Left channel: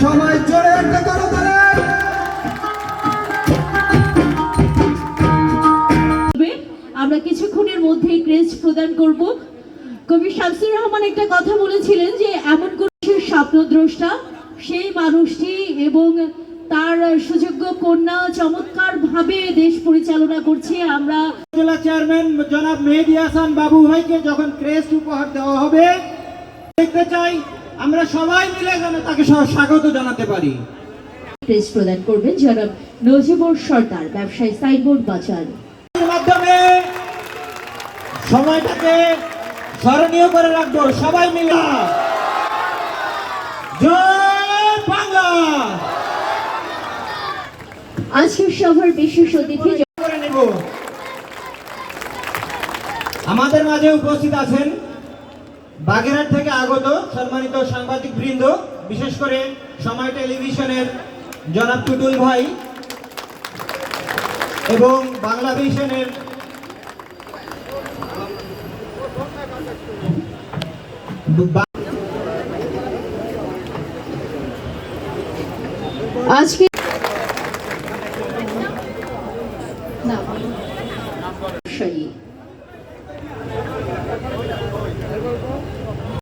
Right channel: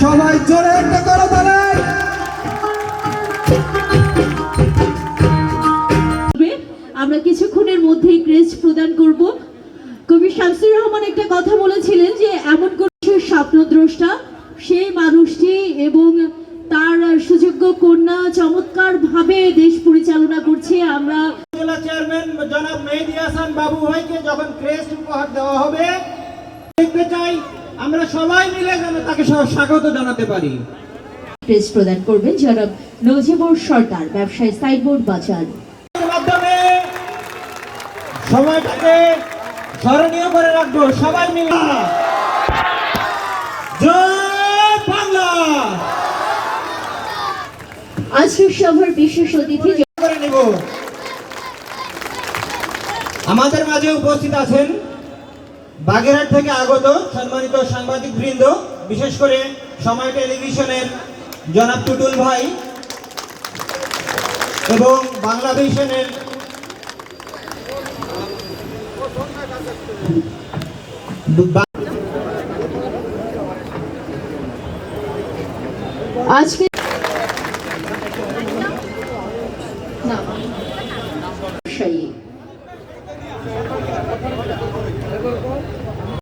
সবাই জোরে একটা করো আমরা কিছুক্ষণের মধ্যেই ক্রেস্ট প্রদান করব। কবি শামসুর রহমান একটা কথা বলেছিলেন যে এমন কোন স্বপ্নদ্রষ্টা সেই মানুষটি এবং তার সুযোগ্য কন্যা চমৎকার ভাবে দেশ পরিচালনা করছে। আমরা জেলা চেয়ারম্যান জনাব মেহেদি হাসান বাবু ভাইকে যখন ক্রেস্ট উপহার দেওয়া হবে আমরা সবাই মিলে যেন তাকে স্বাগত জানাতে পারি। ক্রেস্ট প্রদান করবেন জনাব নজিবুর সর্দার ব্যবসায়ী সাইনবোর্ড বাজার। মাধ্যমে সময়টাকে স্মরণীয় করে রাখব সবাই মিলে। আজকের সভার বিশেষ অতিথি আমাদের মাঝে উপস্থিত আছেন বাগেরহাট থেকে আগত সম্মানিত সাংবাদিক বৃন্দ বিশেষ করে সময় টেলিভিশনের জনাব টুটুল ভাই এবং বাংলা ভিশনের আজকে না।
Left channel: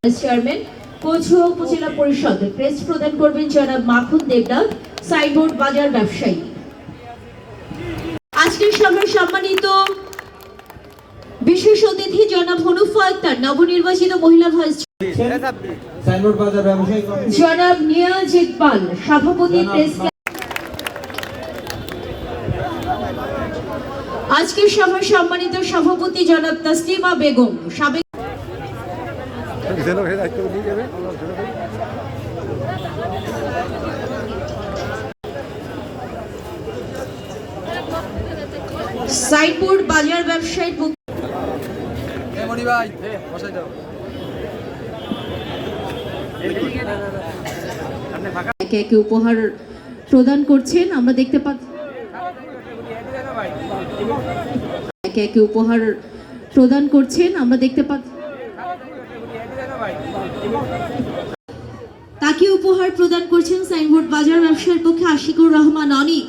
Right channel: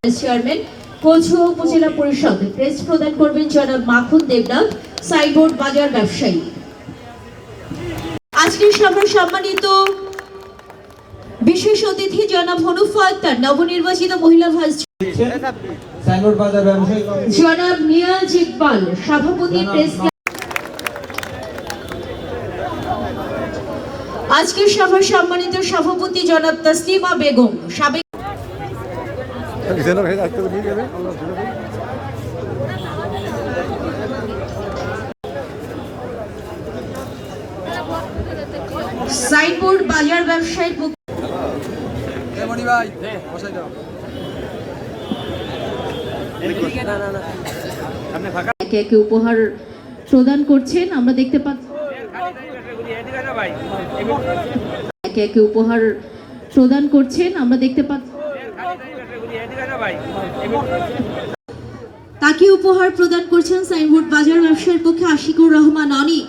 চেয়ারম্যান কচুয়া উপজেলা পরিষদ প্রেস প্রদান করবেন জনাব মাখন দেবনাথ সাইবোর্ড বাজার ব্যবসায়ী আজকের সভার সম্মানিত বিশেষ অতিথি জনাব হনুফা আক্তার নবনির্বাচিত মহিলা ভাইস। জনাব নিয়াজ ইকবাল সভাপতি প্রেস আজকের সভার সম্মানিত সভাপতি জনাব তাসলিমা বেগম সাবেক সাইনবোর্ড বাজার ব্যবসায়ী বুক একে একে উপহার প্রদান করছেন আমরা দেখতে পাচ্ছি একে একে উপহার প্রদান করছেন আমরা দেখতে পাচ্ছি তাকে উপহার প্রদান করছেন সাইনবোর্ড বাজার ব্যবসার পক্ষে আশিকুর রহমান অনিক।